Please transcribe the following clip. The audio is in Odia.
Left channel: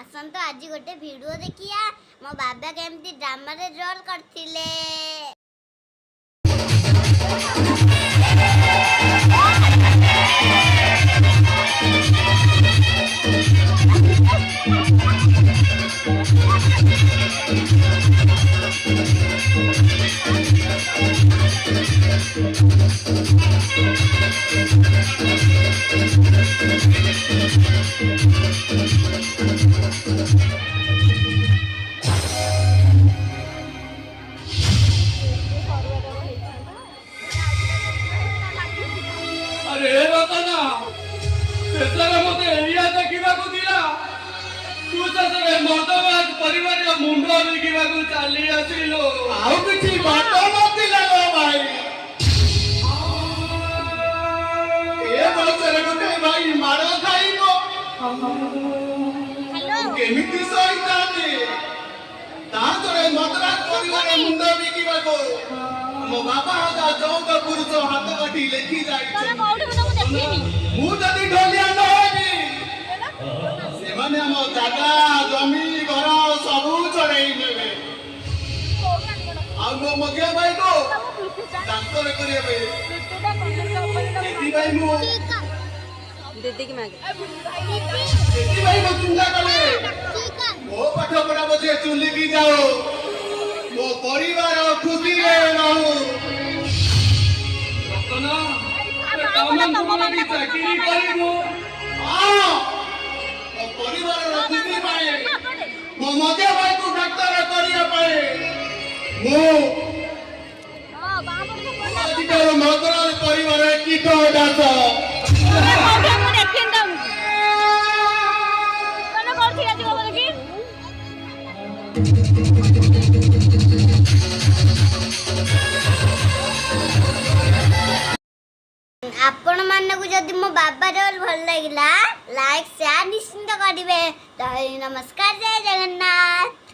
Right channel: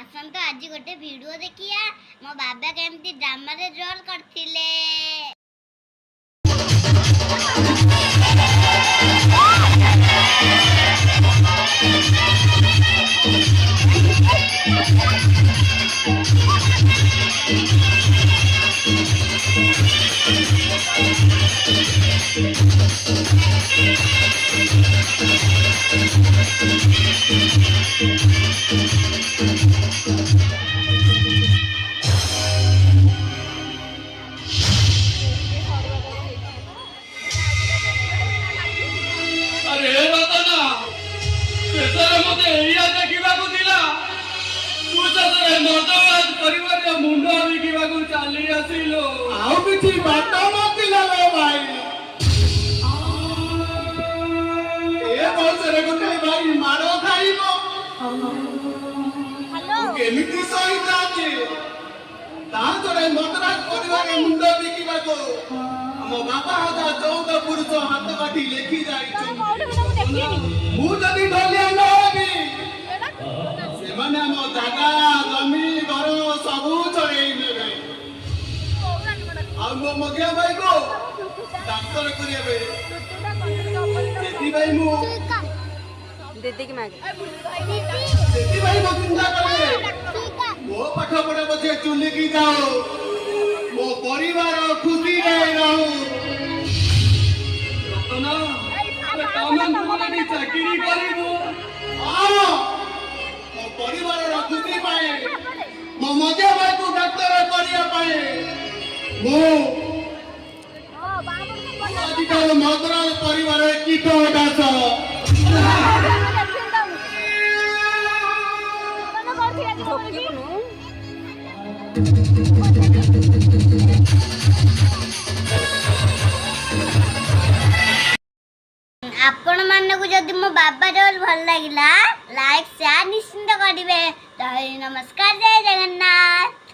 आसंत आज गोटे वीडियो देखिया मो बाबा केमती ड्रामा रे रोल करथिले। अरे रतना शेषରେ ମୋତେ ଏଇଆ ଦେଖିବାକୁ ଥିଲା। ତୁ ଶେଷରେ ମଦବାଦ ପରିବାର ମୁଣ୍ଡ ବିକିବାକୁ ଚାଲି ଆସିଲୁ। ଆଉ କିଛି ବାଟ ନଥିଲା ଲୋ ଭାଇ। ଏ ବୟସରେ ଗୋଟେ ଭାଇ ମାଡ଼ ଖାଇବ କେମିତି ସହିଥାନ୍ତି? ତାହାତରେ ମଦ୍ରାସ ପରିବାର ମୁଣ୍ଡ ବିକିବାକୁ ମୋ ବାପା ହକା 14 ପୁରୁଷ ହାତ କାଟି ଲେଖି ଯାଇଛନ୍ତି। ମୁଁ ଯଦି ଢଲିଆ ନ ହେବି ସେମାନେ ଆମ ଜାଗା ଜମି ଘର ସବୁ ଚଢେଇ ନେବେ। ଆଉ ମୋ ମଝିଆ ଭାଇକୁ ଡାକ୍ତର କରିବେ। ସେଥିପାଇଁ ମୁଁ दीदी की मांगे ସେଥିପାଇଁ ମୁଁ ଚିନ୍ତା କଲେ ମୋ ପାଠ ପଢା ପଛେ ଚୁଲିକି ଯାଉ, ମୋ ପରିବାର ଖୁସିରେ ରହୁ। ରତନା ତମ ଚାକିରି କରିବୁ। ହଁ, ମୋ ପରିବାରର ଖୁସି ପାଇଁ, ମୋ ମଝିଆ ଭାଇକୁ ଡାକ୍ତର କରିବା ପାଇଁ ମୁଁ ଆଜି ତୋର ମଦ୍ରାସ ପରିବାର କୀଟ ଦାସ। आपण मानक जदि मो बाबा रोल भल लागिला लाइक शेयर निश्चिंत करिवे। नमस्कार, जय जगन्नाथ।